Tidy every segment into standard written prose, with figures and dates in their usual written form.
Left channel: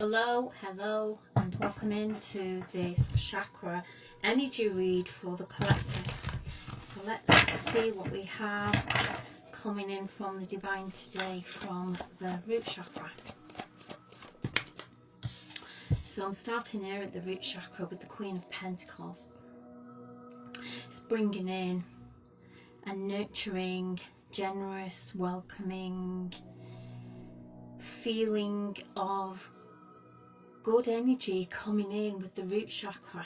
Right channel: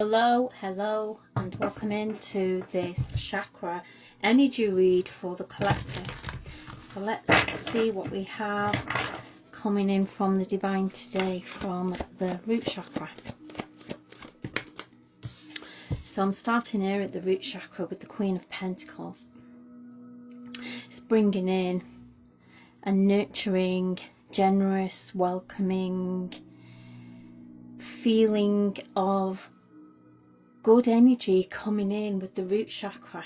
Hello, and welcome into this chakra energy read for the collective. So let's see what we have coming in from the divine today from the root chakra. So I'm starting here at the root chakra with the Queen of Pentacles. It's bringing in a nurturing, generous, welcoming feeling of good energy coming in with the root chakra.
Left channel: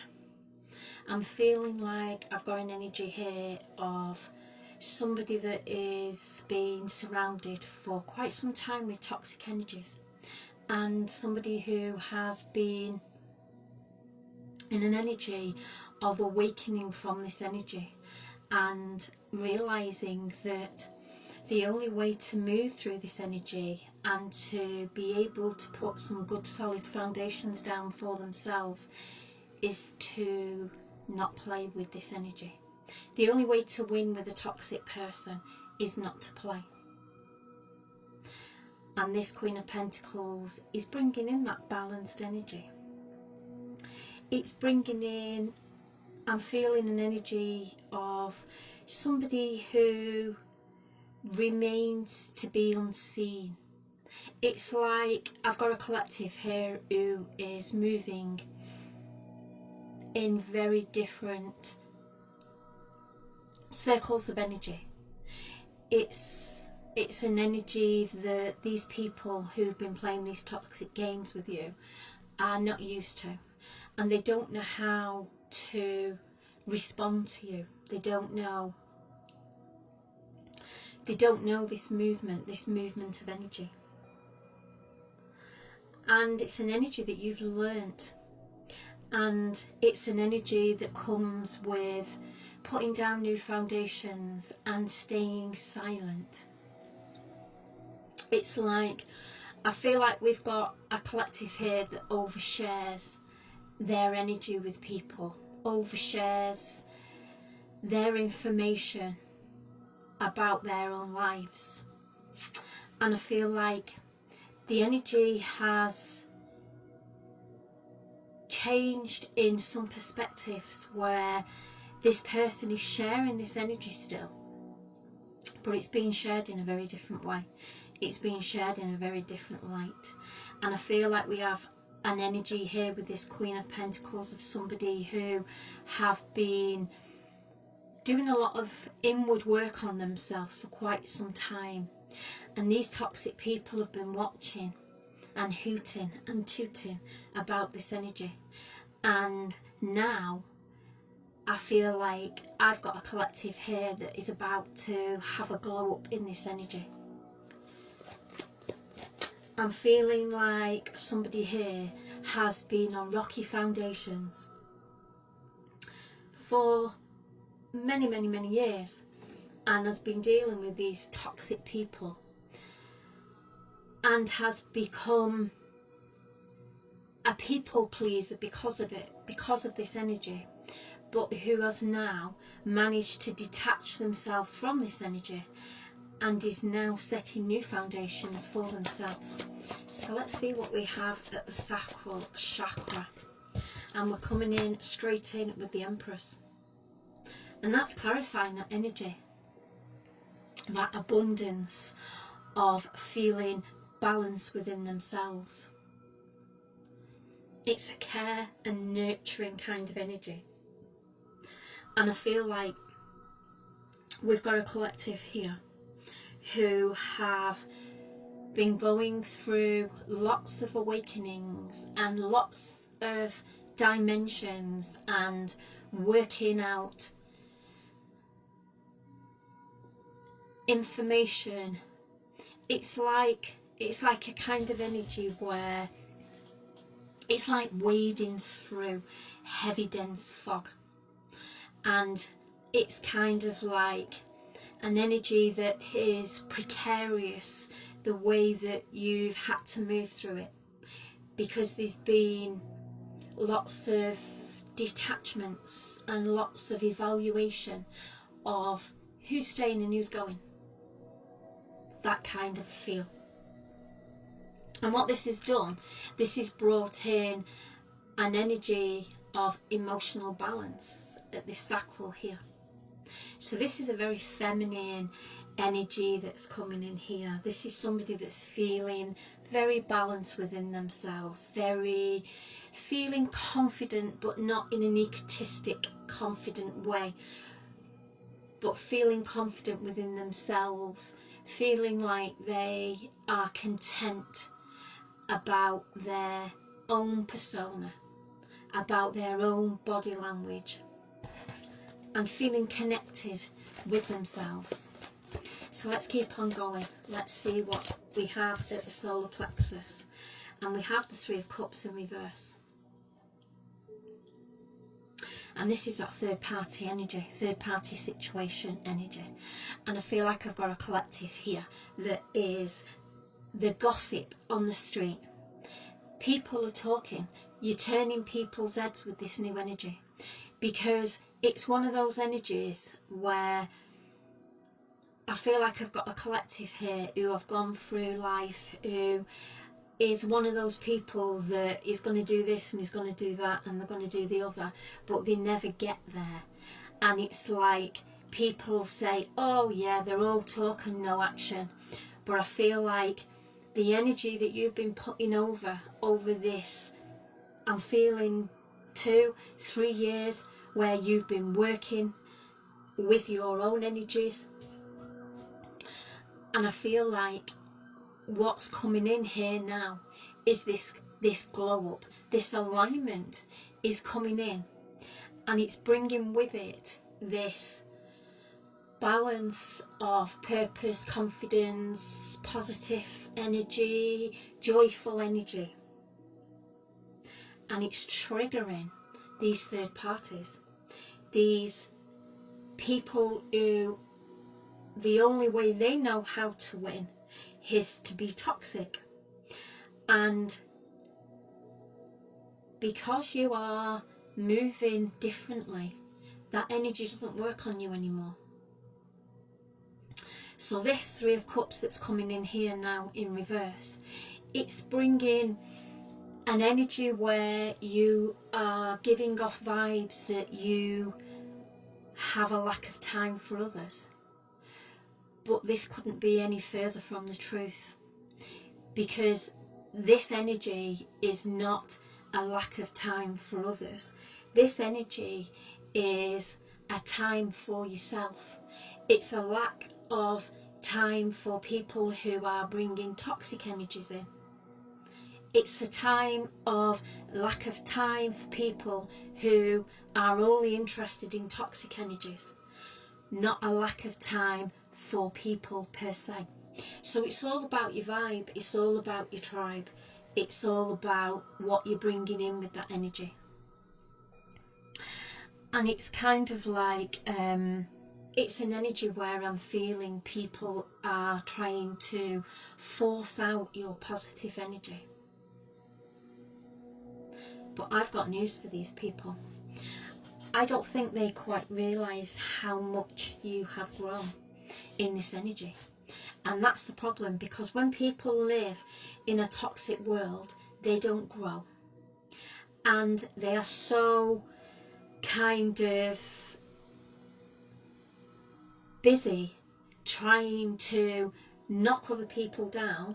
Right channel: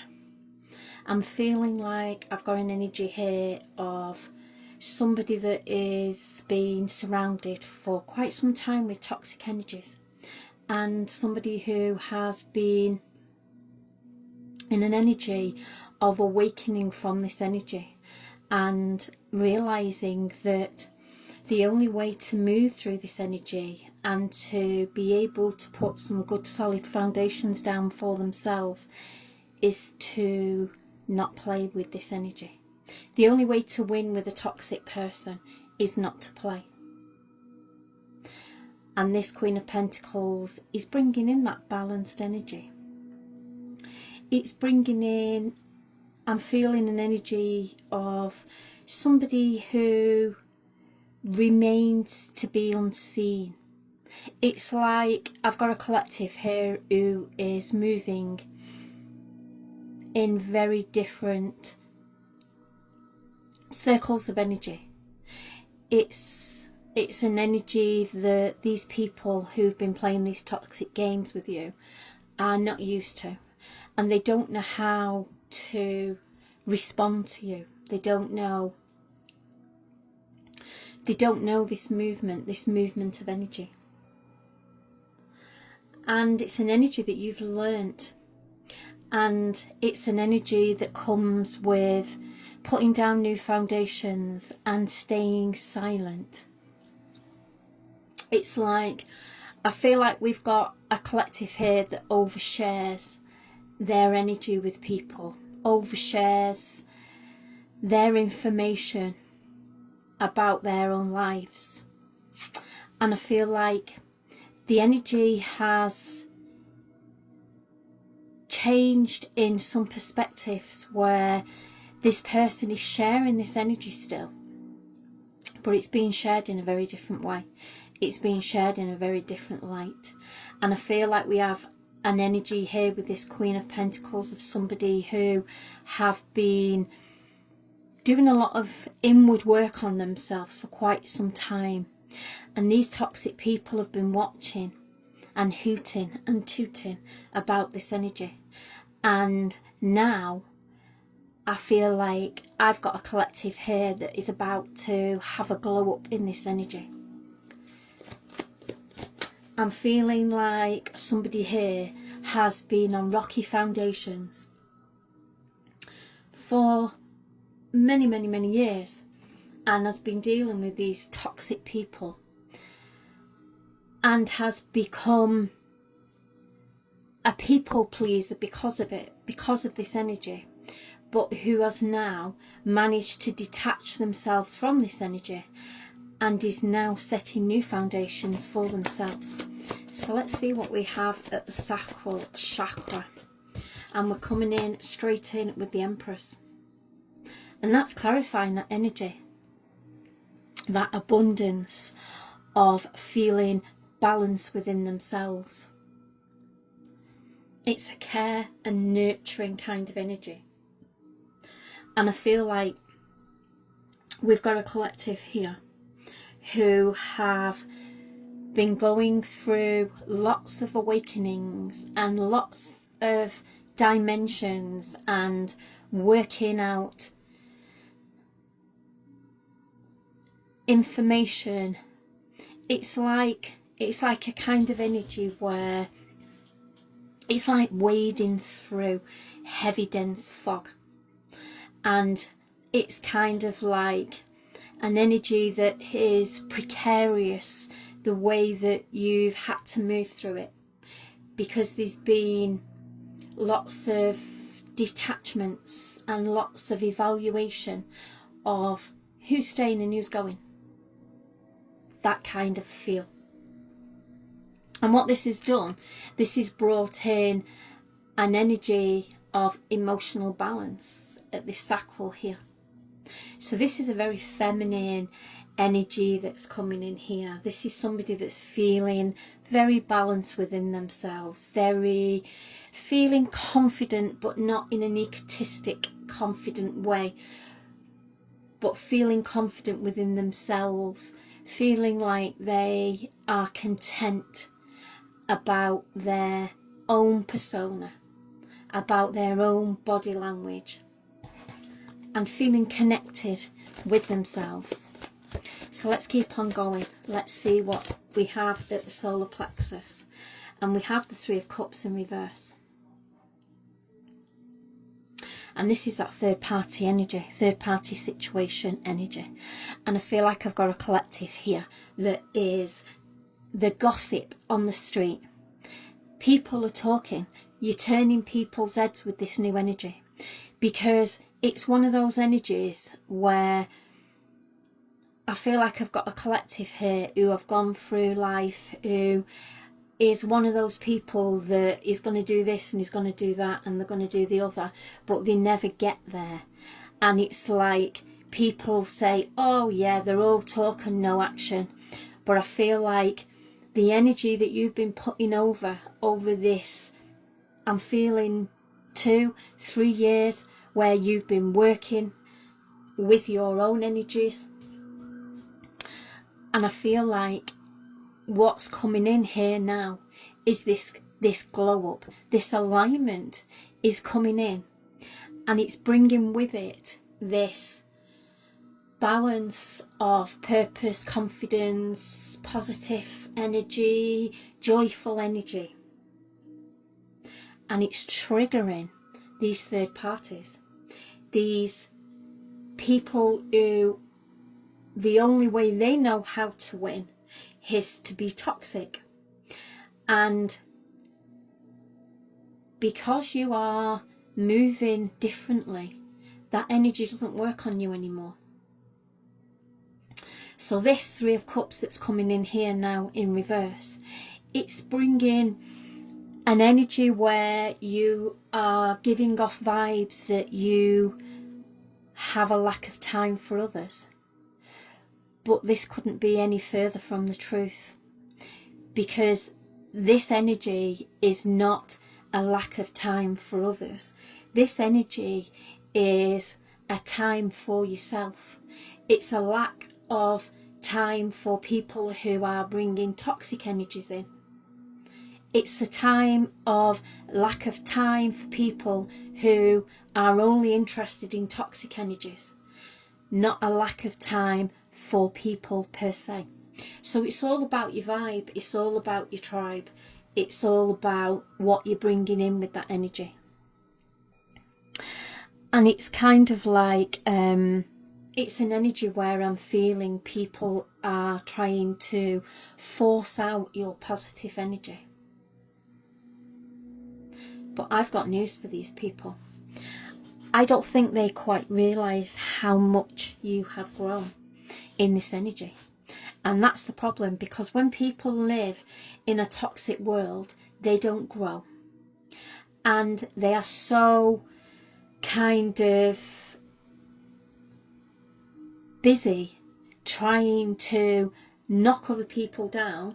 I'm feeling like I've got an energy here of somebody that is being surrounded for quite some time with toxic energies, and somebody who has been in an energy of awakening from this energy and realizing that the only way to move through this energy and to be able to put some good solid foundations down for themselves is to not play with this energy. The only way to win with a toxic person is not to play. And this Queen of Pentacles is bringing in that balanced energy. It's bringing in, I'm feeling an energy of somebody who remains to be unseen. It's like I've got a collective here who is moving in very different circles of energy. It's an energy that these people who've been playing these toxic games with you are not used to, and they don't know how to respond to you. They don't know this movement of energy. And it's an energy that you've learnt, and it's an energy that comes with putting down new foundations and staying silent. It's like, I feel like we've got a collective here that overshares their energy with people, overshares their information about their own lives. And I feel like the energy has changed in some perspectives where this person is sharing this energy still, but it's being shared in a very different way. It's being shared in a very different light. And I feel like we have an energy here with this Queen of Pentacles of somebody who have been doing a lot of inward work on themselves for quite some time, and these toxic people have been watching and hooting and tooting about this energy. And now I feel like I've got a collective here that is about to have a glow up in this energy. I'm feeling like somebody here has been on rocky foundations for many years and has been dealing with these toxic people and has become a people pleaser because of it, because of this energy, but who has now managed to detach themselves from this energy and is now setting new foundations for themselves. So let's see what we have at the sacral chakra, and we're coming in straight in with the Empress. And that's clarifying that energy, that abundance of feeling balance within themselves. It's a care and nurturing kind of energy. And I feel like we've got a collective here who have been going through lots of awakenings and lots of dimensions and working out information. It's like a kind of energy where it's like wading through heavy dense fog, and it's kind of like an energy that is precarious, the way that you've had to move through it, because there's been lots of detachments and lots of evaluation of who's staying and who's going. That kind of feel. And what this has done, this has brought in an energy of emotional balance at the sacral here. So this is a very feminine energy that's coming in here. This is somebody that's feeling very balanced within themselves, very feeling confident, but not in an egotistic, confident way, but feeling confident within themselves, feeling like they are content about their own persona, about their own body language, and feeling connected with themselves. So let's keep on going. Let's see what we have at the solar plexus. And we have the Three of Cups in reverse. And this is that third party energy, third party situation energy. And I feel like I've got a collective here that is the gossip on the street. People are talking. You're turning people's heads with this new energy, because it's one of those energies where I feel like I've got a collective here who have gone through life, who is one of those people that is going to do this and is going to do that and they're going to do the other, but they never get there. And it's like people say, oh yeah, they're all talk and no action. But I feel like the energy that you've been putting over this, I'm feeling 2-3 years where you've been working with your own energies. And I feel like what's coming in here now is this glow up, this alignment is coming in, and it's bringing with it this balance of purpose, confidence, positive energy, joyful energy. And it's triggering these third parties, these people who the only way they know how to win is to be toxic. And because you are moving differently, that energy doesn't work on you anymore. So this Three of Cups that's coming in here now in reverse, it's bringing an energy where you are giving off vibes that you have a lack of time for others. But this couldn't be any further from the truth, because this energy is not a lack of time for others. This energy is a time for yourself. It's a lack of time for people who are bringing toxic energies in. It's a time of lack of time for people who are only interested in toxic energies, not a lack of time for people per se. So it's all about your vibe, it's all about your tribe, it's all about what you're bringing in with that energy. And it's kind of like it's an energy where I'm feeling people are trying to force out your positive energy. But I've got news for these people. I don't think they quite realise how much you have grown in this energy. And that's the problem, because when people live in a toxic world, they don't grow. And they are so kind of busy trying to knock other people down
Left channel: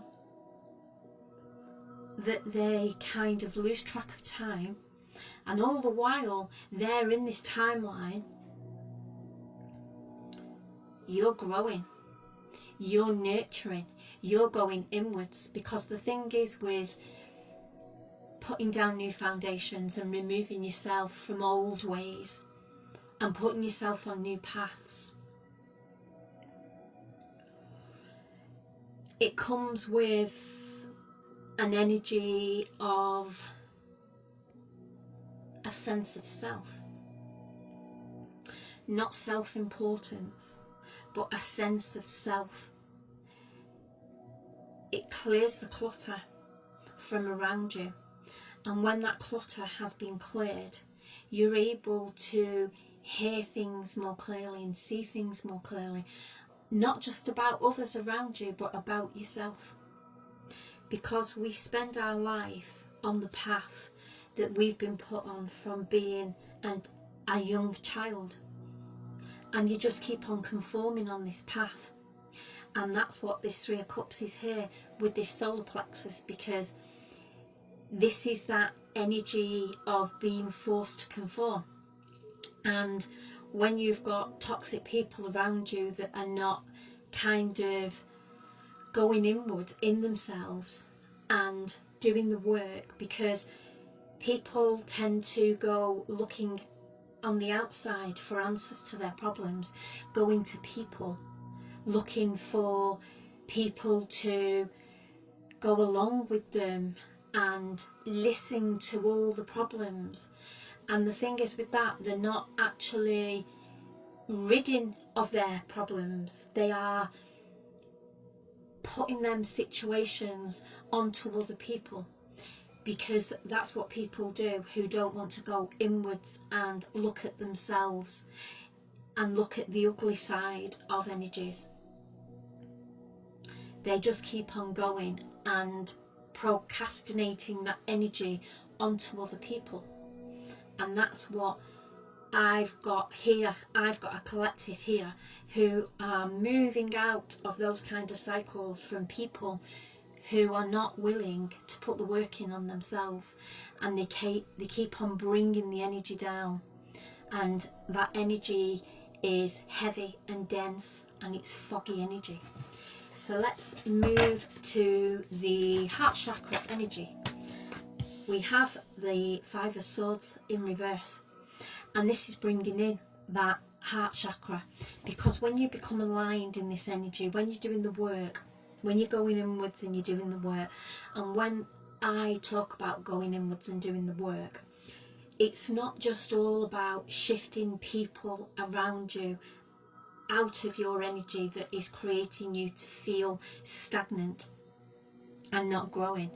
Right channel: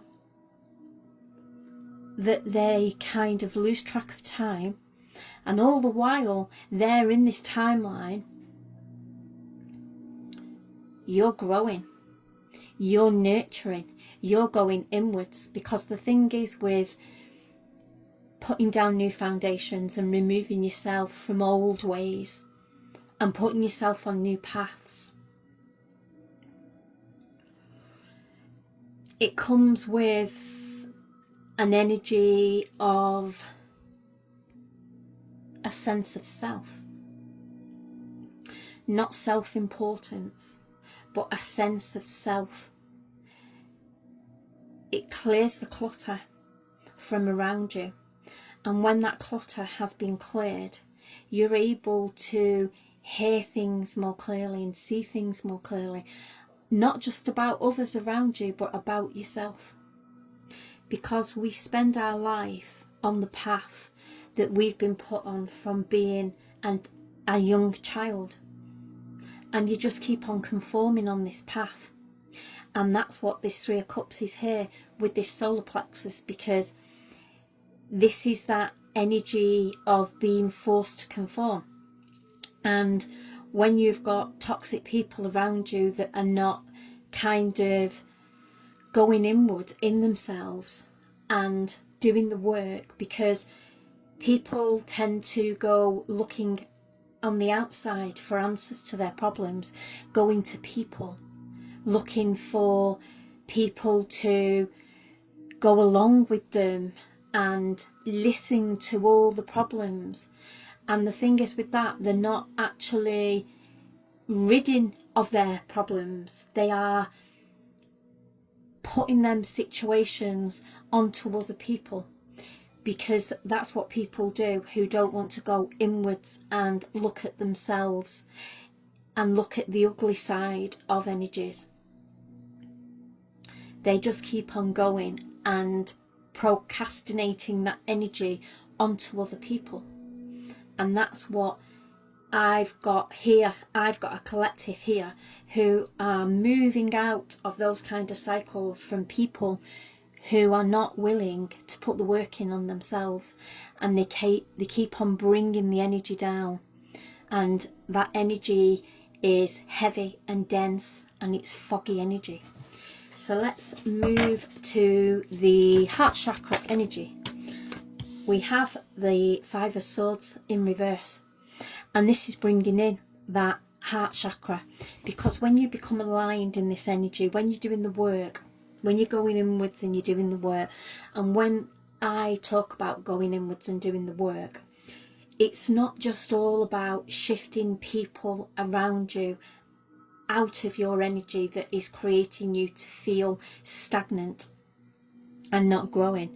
that they kind of lose track of time. And all the while they're in this timeline, you're growing, you're nurturing, you're going inwards. Because the thing is with putting down new foundations and removing yourself from old ways and putting yourself on new paths, it comes with an energy of a sense of self. Not self-importance, but a sense of self. It clears the clutter from around you. And when that clutter has been cleared, you're able to hear things more clearly and see things more clearly. Not just about others around you, but about yourself. because we spend our life on the path that we've been put on from being a young child, and you just keep on conforming on this path. And that's what this Three of Cups is here with this solar plexus, because this is that energy of being forced to conform. And when you've got toxic people around you that are not kind of going inwards in themselves and doing the work, because people tend to go looking on the outside for answers to their problems, going to people, looking for people to go along with them and listen to all the problems. And the thing is with that, they're not actually ridding of their problems. They are putting them situations onto other people, because that's what people do who don't want to go inwards and look at themselves and look at the ugly side of energies. They just keep on going and procrastinating that energy onto other people. And that's what I've got here. I've got a collective here who are moving out of those kind of cycles from people who are not willing to put the work in on themselves, and they keep on bringing the energy down, and that energy is heavy and dense, and it's foggy energy. So let's move to the heart chakra energy. We have the Five of Swords in reverse, and this is bringing in that heart chakra, because when you become aligned in this energy, when you're doing the work, when you're going inwards and you're doing the work, and when I talk about going inwards and doing the work, it's not just all about shifting people around you out of your energy that is creating you to feel stagnant and not growing.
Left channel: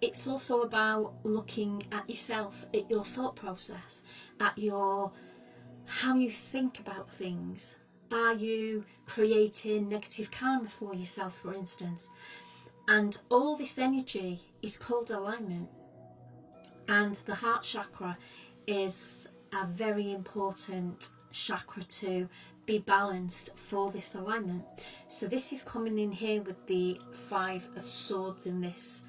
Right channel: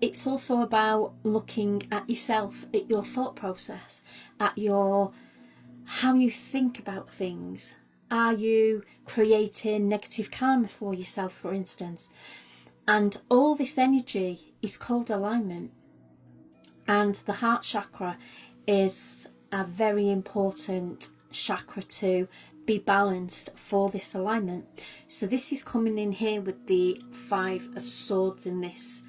It's also about looking at yourself, at your thought process, at how you think about things. Are you creating negative karma for yourself, for instance? And all this energy is called alignment. And the heart chakra is a very important chakra to be balanced for this alignment. So this is coming in here with the Five of Swords in this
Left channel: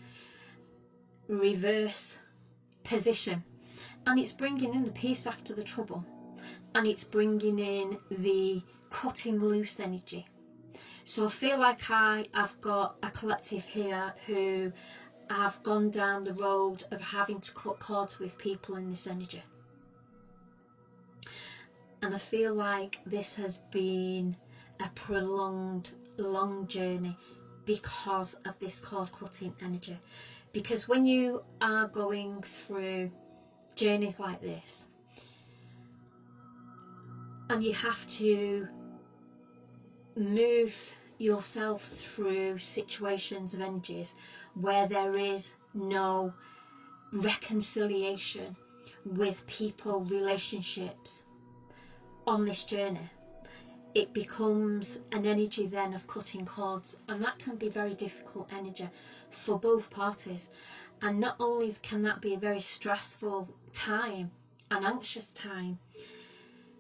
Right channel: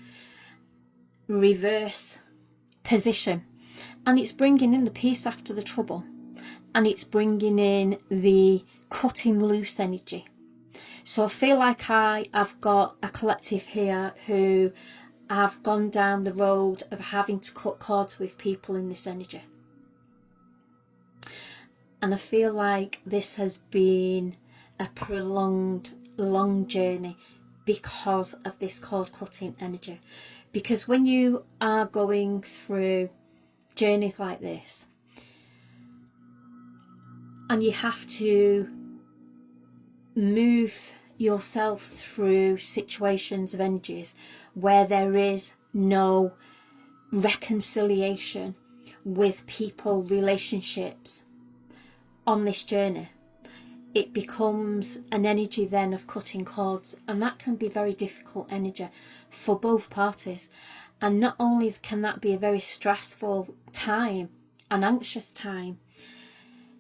reverse position, and it's bringing in the peace after the trouble, and it's bringing in the cutting loose energy. So I feel like I've got a collective here who have gone down the road of having to cut cords with people in this energy, and I feel like this has been a prolonged, long journey because of this cord cutting energy. Because when you are going through journeys like this, and you have to move yourself through situations of energies where there is no reconciliation with people, relationships on this journey, it becomes an energy then of cutting cords, and that can be very difficult energy for both parties. And not only can that be a very stressful time, an anxious time,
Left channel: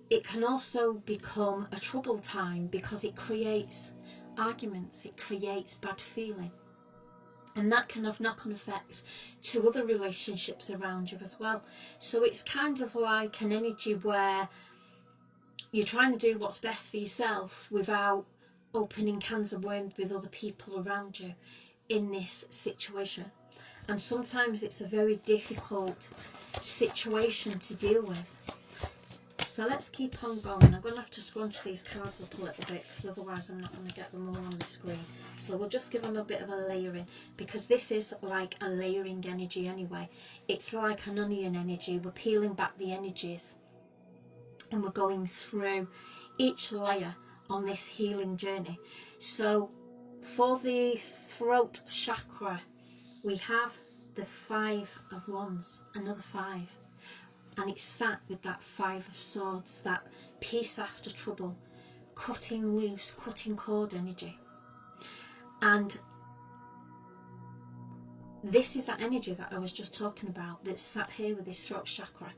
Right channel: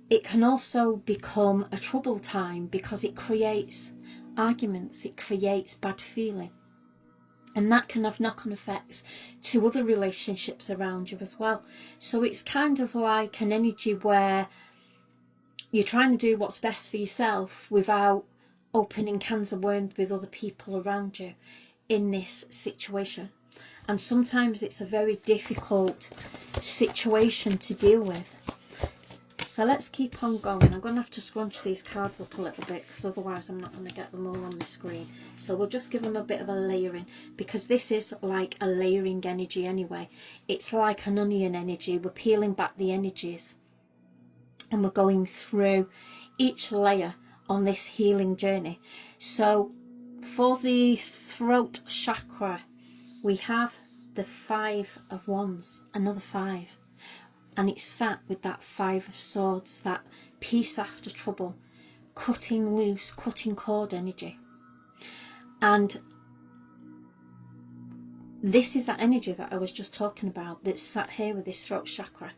it can also become a troubled time, because it creates arguments, it creates bad feeling, and that can have knock-on effects to other relationships around you as well. So it's kind of like an energy where you're trying to do what's best for yourself without opening cans of worms with other people around you in this situation. And sometimes it's a very difficult situation to deal with. So let's keep on going. I'm going to have to scrunch these cards up a little bit, because otherwise I'm not going to get them all on the screen. So we'll just give them a bit of a layering, because this is like a layering energy anyway. It's like an onion energy. We're peeling back the energies, and we're going through each layer on this healing journey. So for the throat chakra, we have the Five of Wands, another five, and it's sat with that Five of Swords, that peace after trouble, cutting loose, cutting cord energy. And this is that energy that I was just talking about, that's sat here with this throat chakra,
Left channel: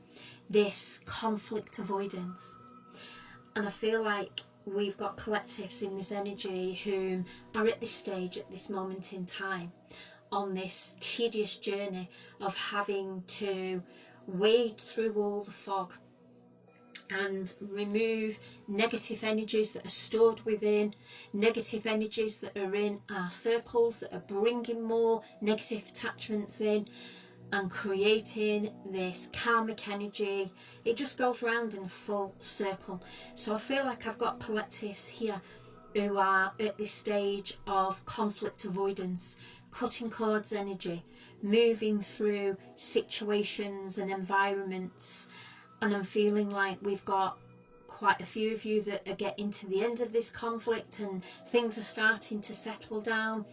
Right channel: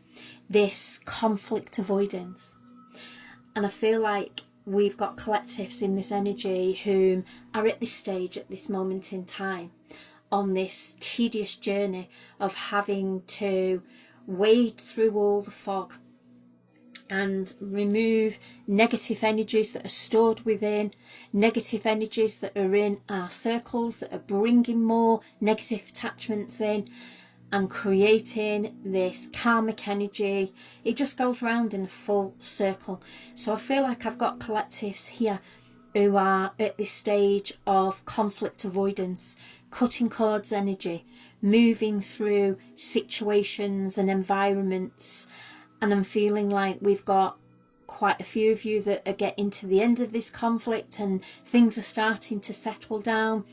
this conflict avoidance. And I feel like we've got collectives in this energy who are at this stage, at this moment in time, on this tedious journey of having to wade through all the fog and remove negative energies that are stored within, negative energies that are in our circles that are bringing more negative attachments in and creating this karmic energy. It just goes round in a full circle. So I feel like I've got collectives here who are at this stage of conflict avoidance, cutting cords energy, moving through situations and environments. And I'm feeling like we've got quite a few of you that are getting to the end of this conflict and things are starting to settle down.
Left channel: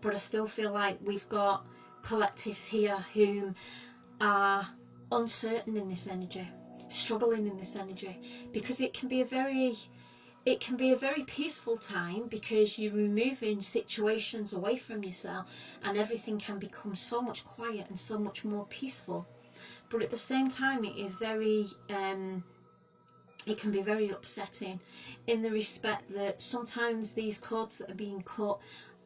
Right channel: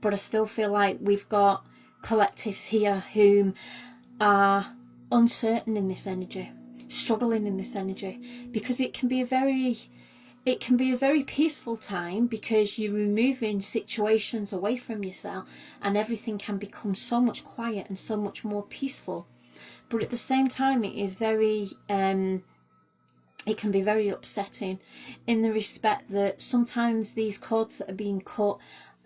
But I still feel like we've got collectives here who are uncertain in this energy, struggling in this energy, because it can be a very peaceful time, because you're removing situations away from yourself and everything can become so much quiet and so much more peaceful. But at the same time, it is very it can be very upsetting, in the respect that sometimes these cords that are being cut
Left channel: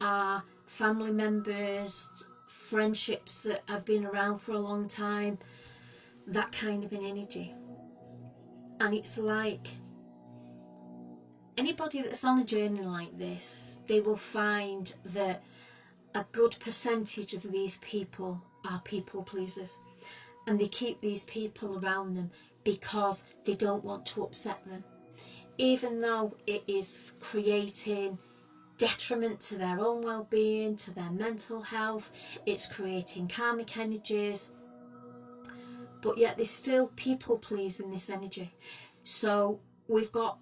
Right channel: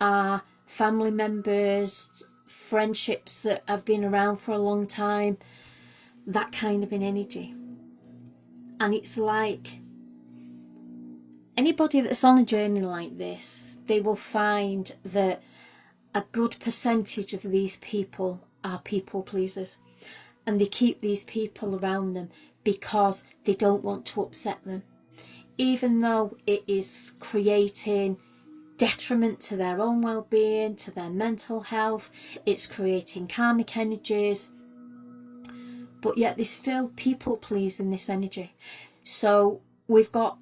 are family members, friendships that have been around for a long time, that kind of an energy. And it's like anybody that's on a journey like this, they will find that a good percentage of these people are people pleasers, and they keep these people around them because they don't want to upset them, even though it is creating detriment to their own well-being, to their mental health. It's creating karmic energies, but yet there's still people please in this energy. So we've got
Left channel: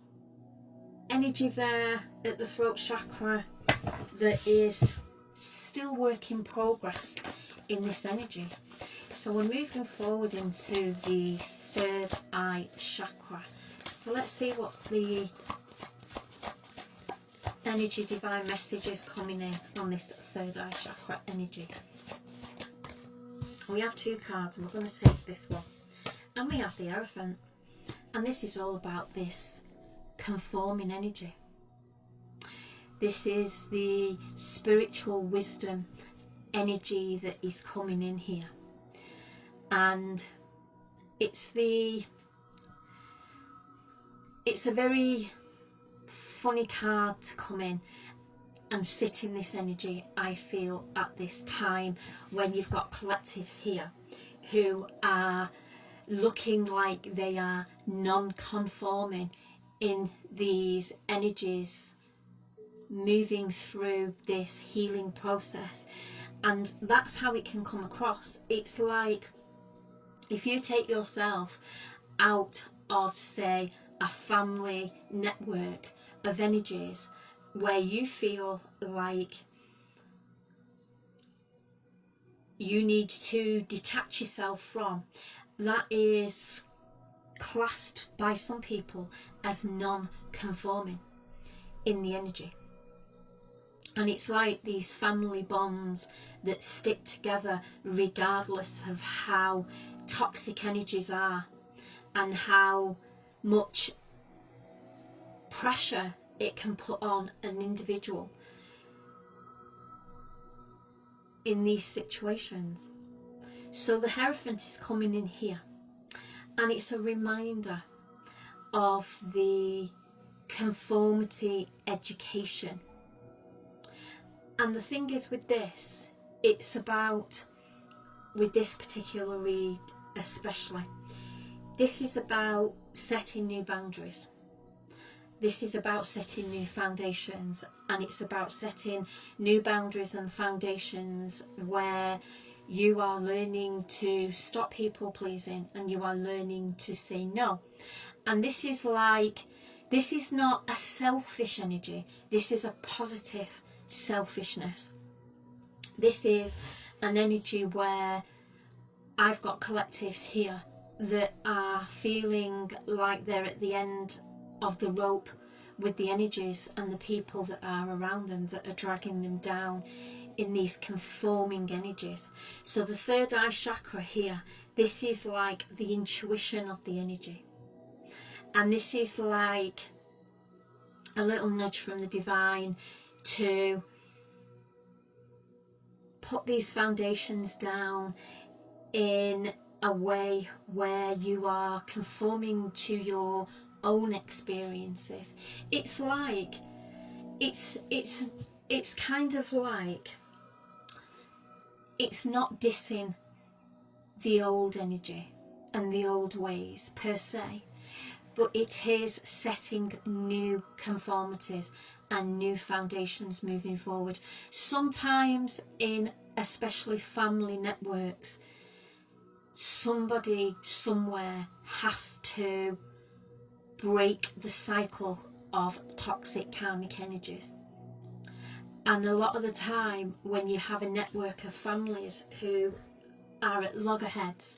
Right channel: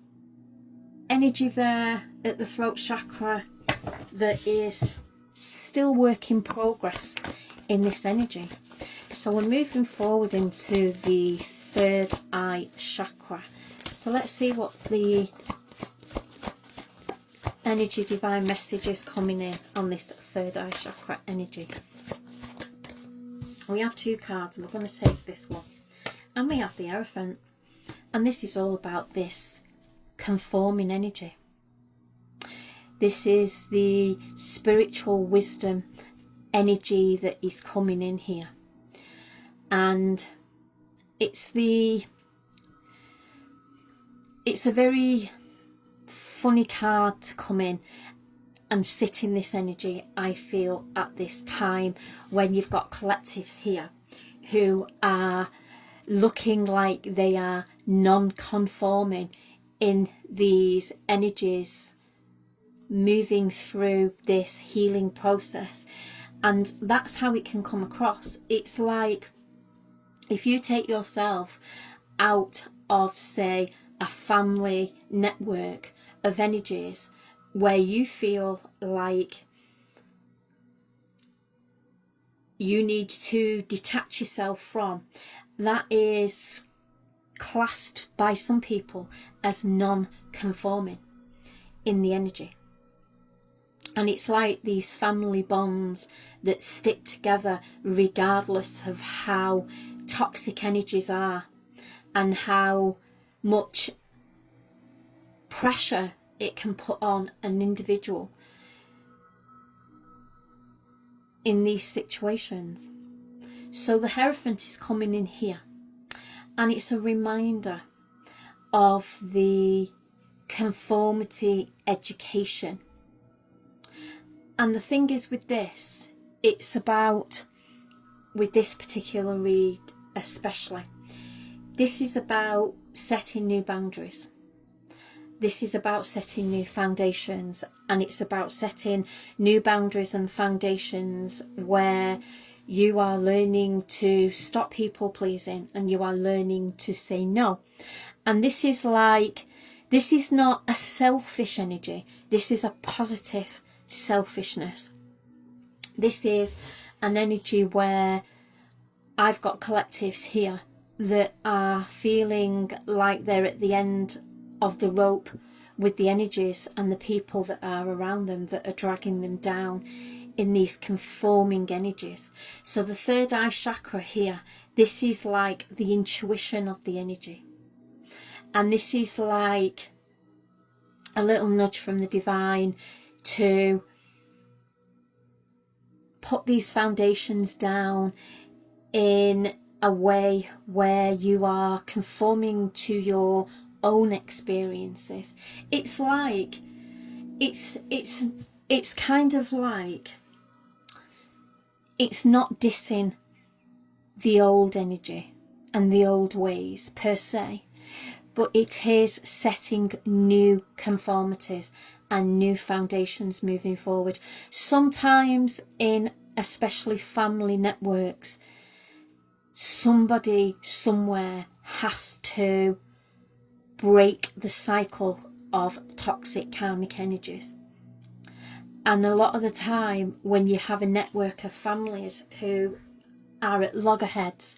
energy there at the throat chakra that is still work in progress in this energy. So we're moving forward into the third eye chakra. So let's see what the energy divine message is coming in on this third eye chakra energy. We have two cards, and we're going to take this one, and we have the Hierophant, and this is all about this conforming energy. This is the spiritual wisdom energy that is coming in here, and it's a very funny card to come in and sit in this energy, I feel, at this time when you've got collectives here who are looking like they are non-conforming in these energies, moving through this healing process. And that's how it can come across. It's like if you take yourself out of, say, a family network of energies where you feel like you need to detach yourself from, that is classed by some people as non-conforming in the energy. And it's like these family bonds that stick together regardless of how toxic energies are and how much pressure it can put on an individual in these situations. So the Hierophant is coming in here, and it's a reminder of the conformity education. And the thing is with this, it's about, with this particular read especially, this is about setting new boundaries. This is about setting new foundations, and it's about setting new boundaries and foundations where you are learning to stop people pleasing and you are learning to say no. And this is not a selfish energy. This is a positive selfishness. This is an energy where I've got collectives here that are feeling like they're at the end of the rope with the energies and the people that are around them that are dragging them down in these conforming energies. So the third eye chakra here, this is like the intuition of the energy. And this is like a little nudge from the divine to put these foundations down in a way where you are conforming to your own experiences. It's like, it's kind of like, it's not dissing the old energy and the old ways per se, but it is setting new conformities and new foundations moving forward. Sometimes in especially family networks, somebody somewhere has to break the cycle of toxic karmic energies. And a lot of the time when you have a network of families who are at loggerheads,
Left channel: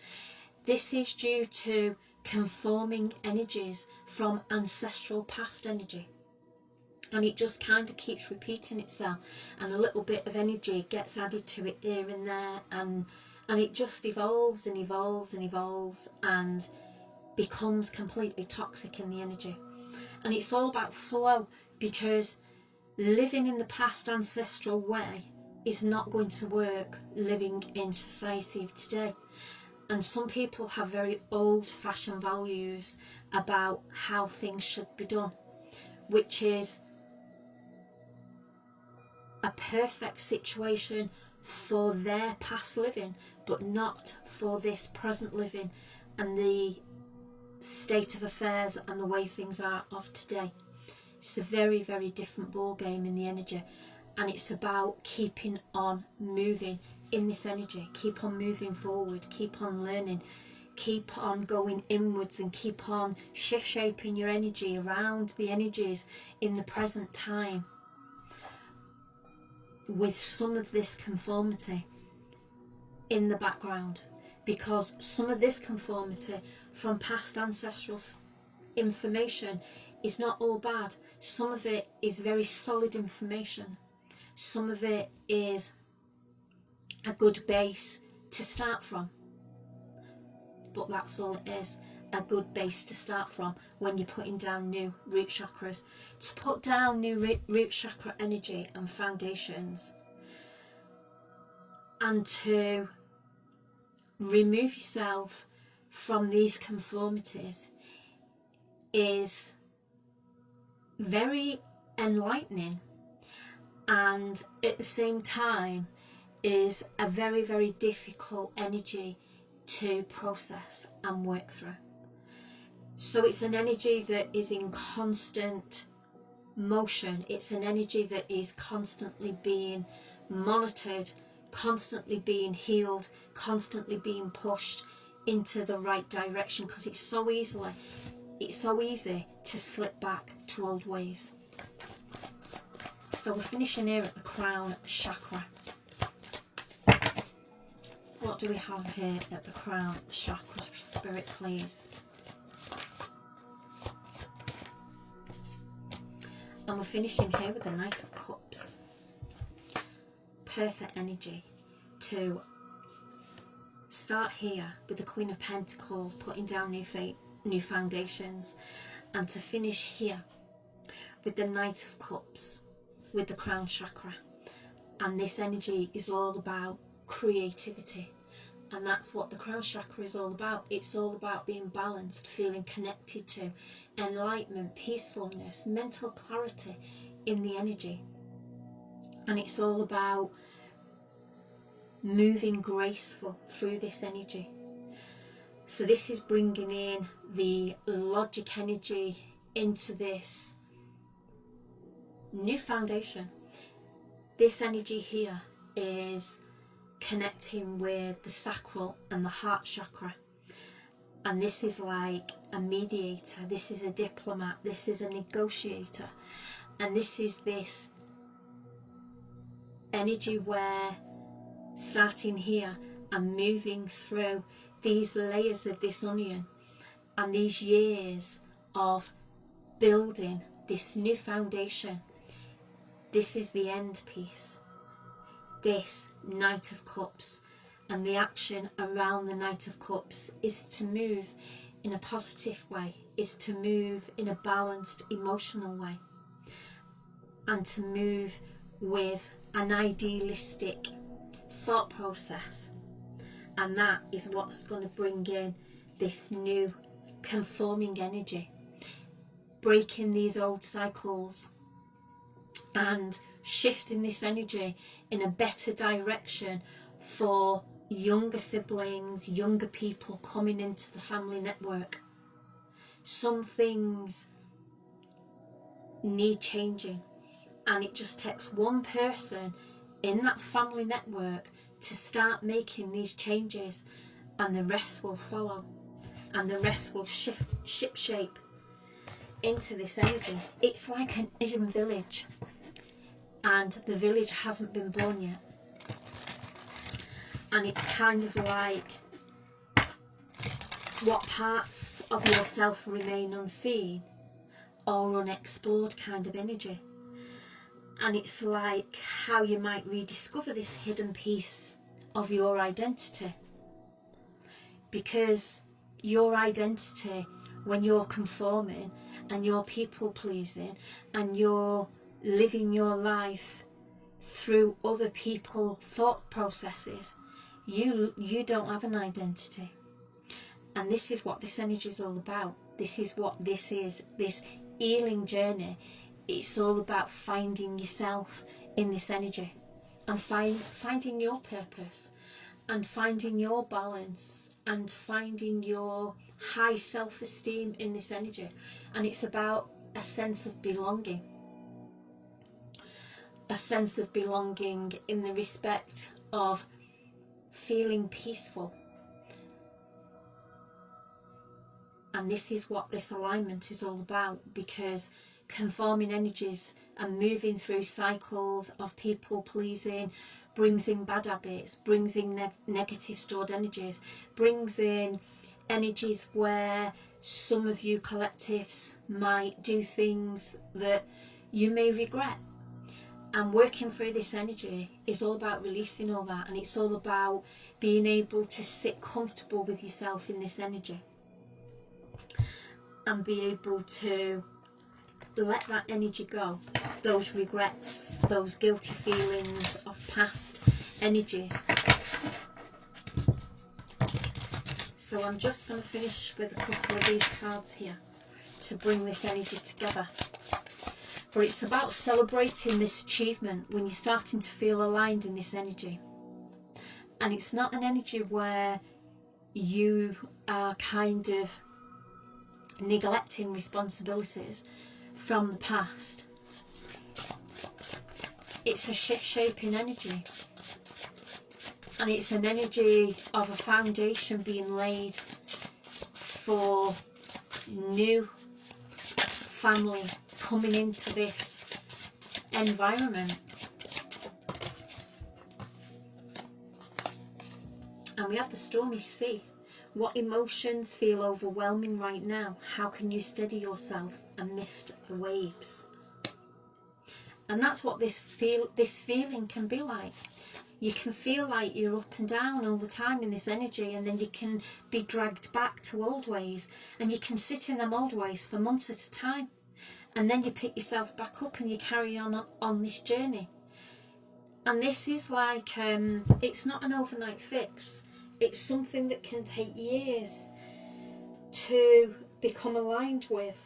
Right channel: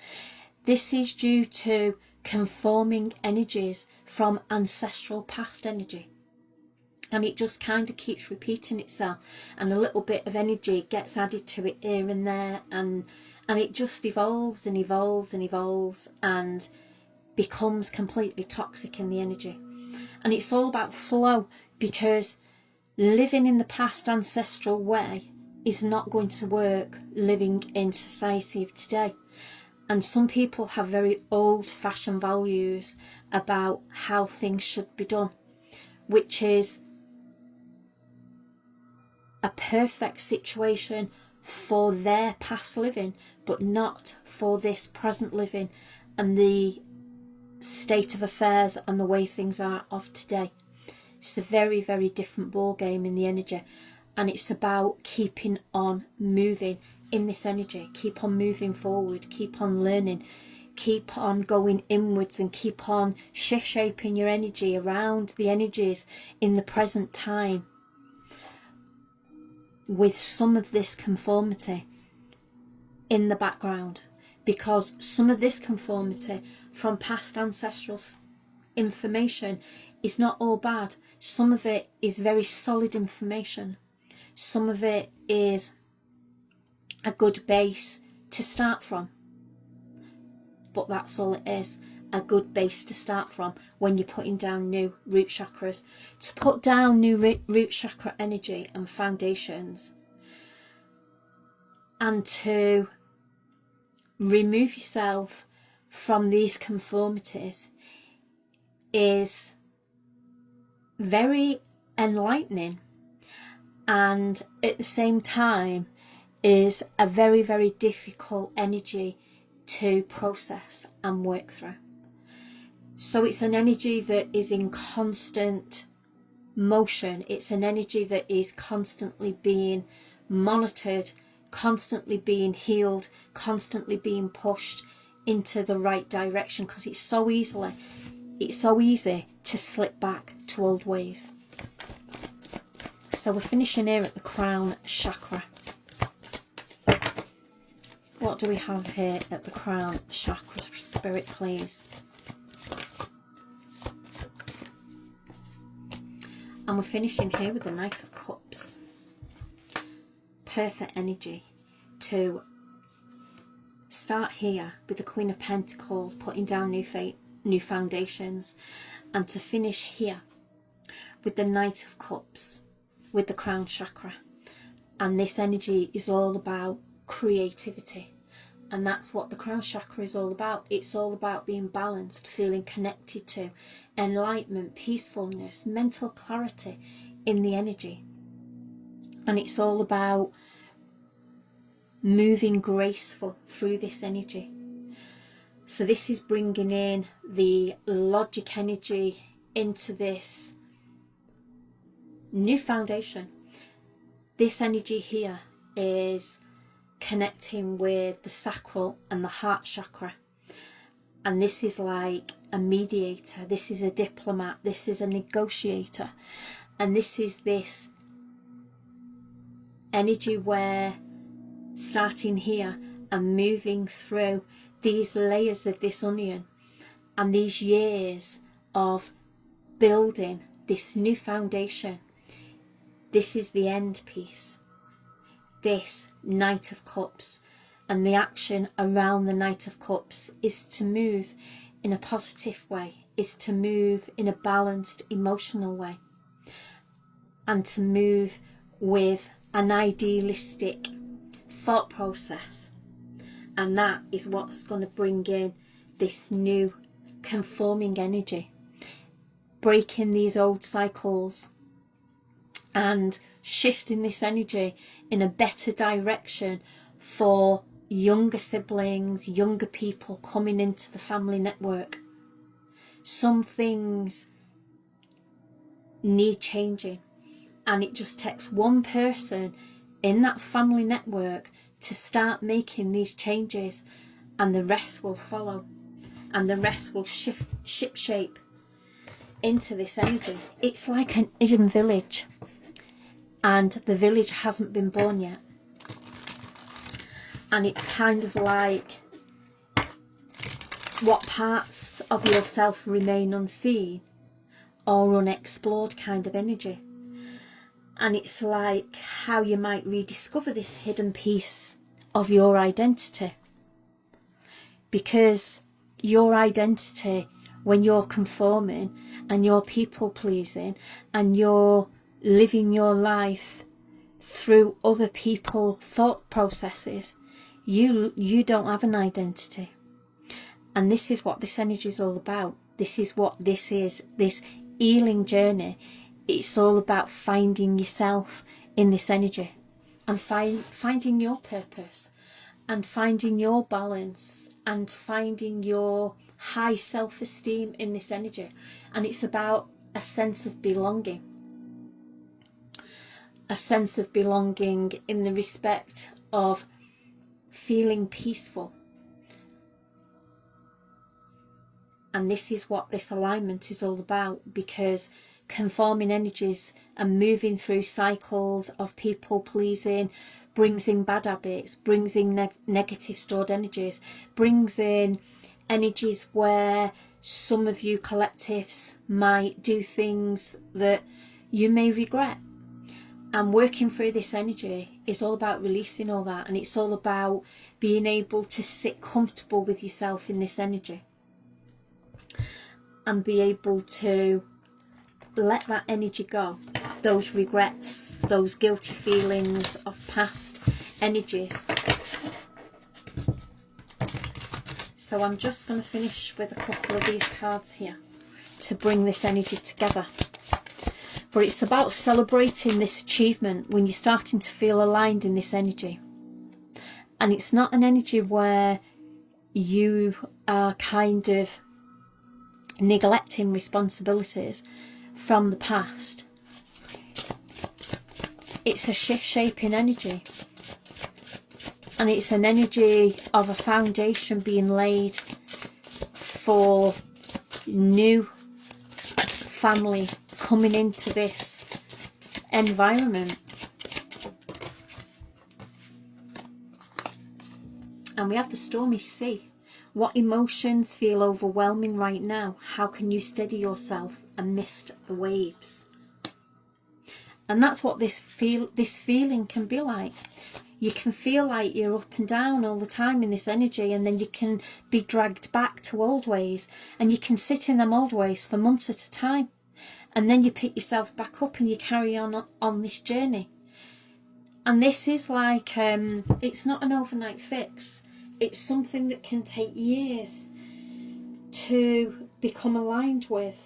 this is due to conforming energies from ancestral past energy. And it just kind of keeps repeating itself, and a little bit of energy gets added to it here and there, and it just evolves and evolves and evolves and becomes completely toxic in the energy. And it's all about flow, because living in the past ancestral way is not going to work living in society of today. And some people have very old-fashioned values about how things should be done, which is a perfect situation for their past living, but not for this present living and the state of affairs and the way things are of today. It's a very, very different ball game in the energy, and it's about keeping on moving in this energy. Keep on moving forward, keep on learning, keep on going inwards, and keep on shift shaping your energy around the energies in the present time with some of this conformity in the background, because some of this conformity from past ancestral information is not all bad. Some of it is very solid information. Some of it is a good base to start from. But that's all it is, a good base to start from when you're putting down new root chakras. To put down new root chakra energy and foundations, and to remove yourself from these conformities, is very enlightening, and at the same time is a very, very difficult energy to process and work through. So it's an energy that is in constant motion. It's an energy that is constantly being monitored, constantly being healed, constantly being pushed into the right direction, because it's so easy to slip back to old ways. So we're finishing here at the crown chakra. What do we have here at the crown chakra, Spirit, please? And we're finishing here with the Knight of Cups. Perfect energy to start here with the Queen of Pentacles, putting down new foundations, and to finish here with the Knight of Cups, with the crown chakra. And this energy is all about creativity, and that's what the crown chakra is all about. It's all about being balanced, feeling connected to enlightenment, peacefulness, mental clarity in the energy. And it's all about moving graceful through this energy. So this is bringing in the logic energy into this new foundation. This energy here is connecting with the sacral and the heart chakra, and this is like a mediator, this is a diplomat, this is a negotiator, and this is this energy where starting here and moving through these layers of this onion and these years of building this new foundation, this is the end piece. this Knight of Cups, and the action around the Knight of Cups is to move in a positive way, is to move in a balanced emotional way, and to move with an idealistic thought process. And that is what's going to bring in this new conforming energy, breaking these old cycles and shifting this energy in a better direction for younger siblings, younger people coming into the family network. Some things need changing, and it just takes one person in that family network to start making these changes, and the rest will follow, and the rest will ship shape into this energy. It's like an hidden village, and the village hasn't been born yet. And it's kind of like what parts of yourself remain unseen or unexplored kind of energy. And it's like how you might rediscover this hidden piece of your identity. Because your identity, when you're conforming and you're people pleasing and you're living your life through other people's thought processes, you don't have an identity. And this is what this energy is all about. This is what this is, this healing journey. It's all about finding yourself in this energy, and finding your purpose, and finding your balance, and finding your high self-esteem in this energy. And it's about a sense of belonging. A sense of belonging in the respect of feeling peaceful. And this is what this alignment is all about, because conforming energies and moving through cycles of people pleasing brings in bad habits, brings in negative stored energies, brings in energies where some of you collectives might do things that you may regret. And working through this energy is all about releasing all that, and it's all about being able to sit comfortable with yourself in this energy and be able to let that energy go, those regrets, those guilty feelings of past energies. So I'm just going to finish with a couple of these cards here to bring this energy together. But it's about celebrating this achievement when you're starting to feel aligned in this energy. And it's not an energy where you are kind of neglecting responsibilities from the past. It's a shift-shaping energy. And it's an energy of a foundation being laid for new family coming into this environment. And we have the stormy sea. What emotions feel overwhelming right now? How can you steady yourself amidst the waves? And that's what this feeling can be like. You can feel like you're up and down all the time in this energy, and then you can be dragged back to old ways, and you can sit in them old ways for months at a time. And then you pick yourself back up and you carry on this journey. And this is like, it's not an overnight fix. It's something that can take years to become aligned with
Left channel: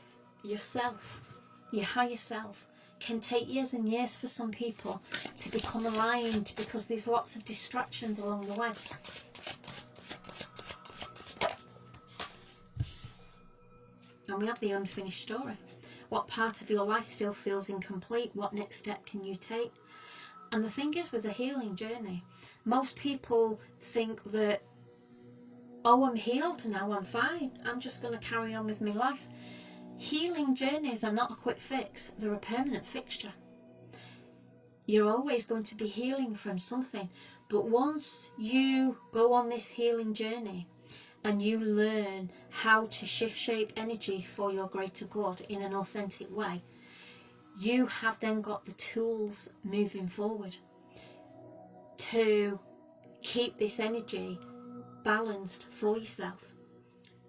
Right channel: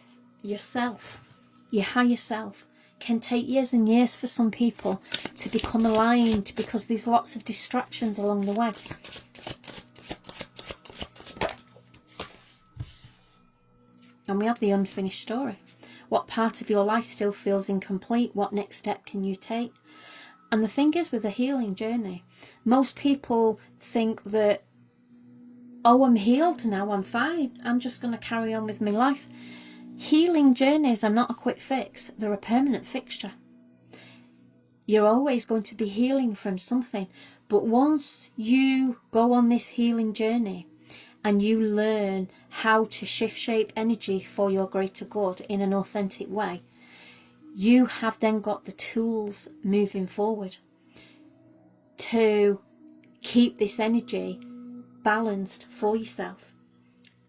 yourself, your higher self. Can take years and years for some people to become aligned, because there's lots of distractions along the way. And we have the unfinished story. What part of your life still feels incomplete? What next step can you take? And the thing is, with a healing journey, most people think that, oh, I'm healed now, I'm fine, I'm just going to carry on with my life. Healing journeys are not a quick fix, they're a permanent fixture. You're always going to be healing from something. But once you go on this healing journey and you learn how to shift shape energy for your greater good in an authentic way, you have then got the tools moving forward. to keep this energy balanced for yourself.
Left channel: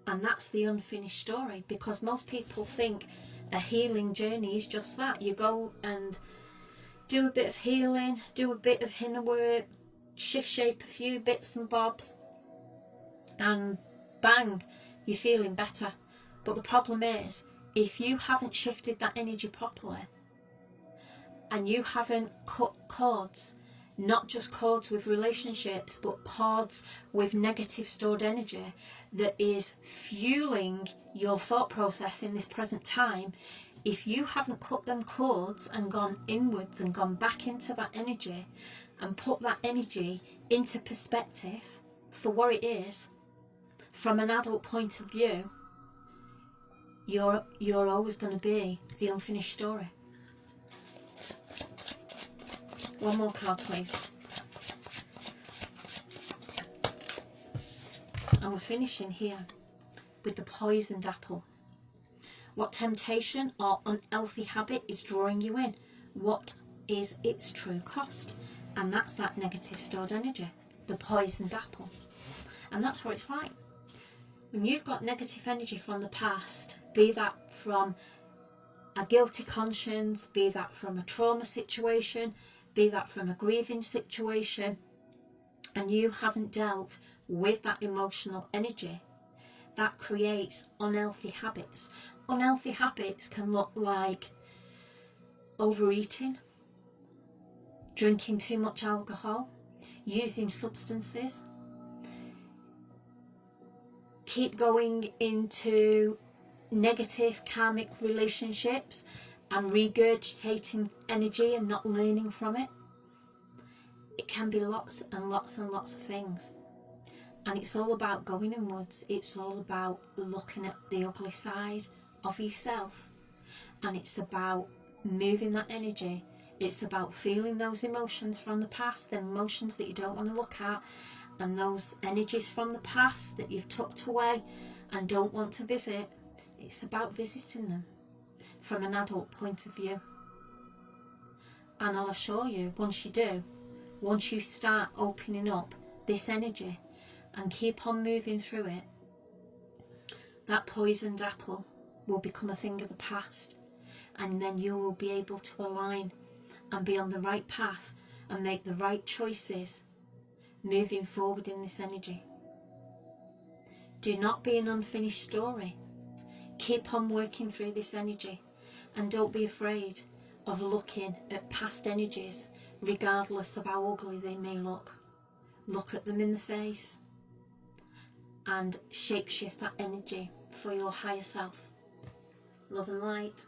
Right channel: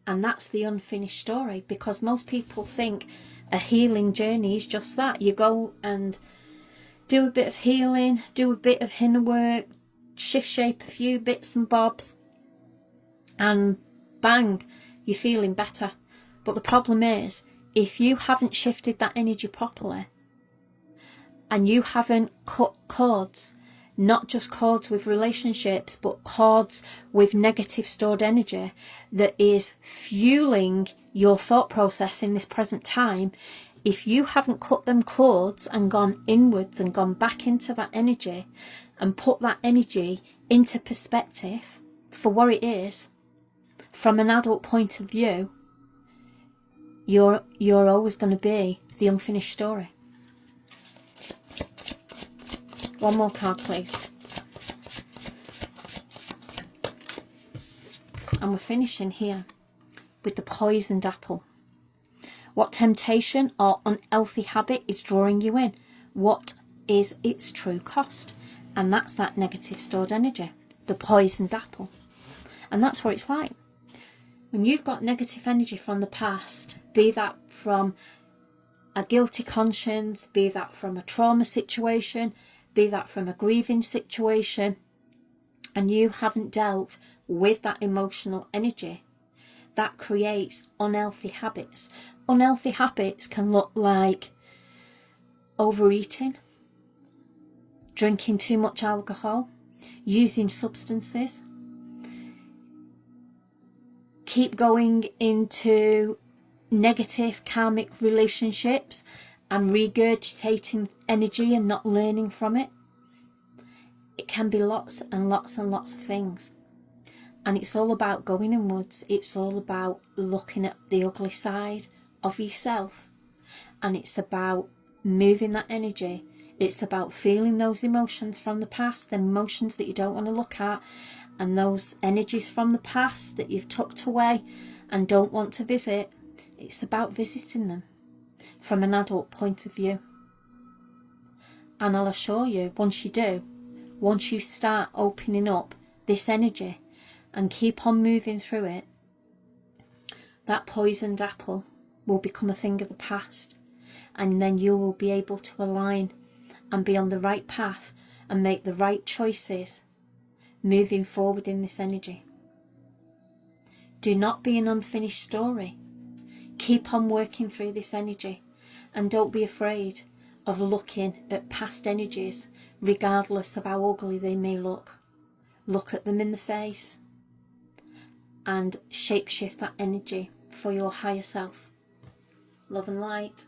And that's the unfinished story, because most people think a healing journey is just that. You go and do a bit of healing, do a bit of inner work, shift shape a few bits and bobs, and bang, you're feeling better. But the problem is, if you haven't shifted that energy properly, and you haven't cut cords, not just cords with relationships, but cords with negative stored energy that is fueling your thought process in this present time, if you haven't cut them cords and gone inwards and gone back into that energy and put that energy into perspective for what it is, from an adult point of view, you're always going to be the unfinished story. One more card, please. And we're finishing here with the poisoned apple. What temptation or unhealthy habit is drawing you in? What is its true cost? And that's that negative stored energy, the poisoned apple. And that's what it's like. When you've got negative energy from the past, be that from a guilty conscience, be that from a trauma situation, be that from a grieving situation, and you haven't dealt with that emotional energy, that creates unhealthy habits. Unhealthy habits can look like overeating, drinking too much alcohol, using substances, keep going into negative karmic relationships and regurgitating energy and not learning from it. It can be lots and lots and lots of things. And it's all about going inwards. It's all about looking at the ugly side of yourself. And it's about moving that energy. It's about feeling those emotions from the past, the emotions that you don't want to look at, and those energies from the past that you've tucked away and don't want to visit. It's about visiting them from an adult point of view. And I'll assure you, once you do, once you start opening up this energy and keep on moving through it, that poisoned apple will become a thing of the past. And then you will be able to align and be on the right path and make the right choices moving forward in this energy. Do not be an unfinished story. Keep on working through this energy, and don't be afraid of looking at past energies, regardless of how ugly they may look. Look at them in the face and shapeshift that energy for your higher self. Love and light.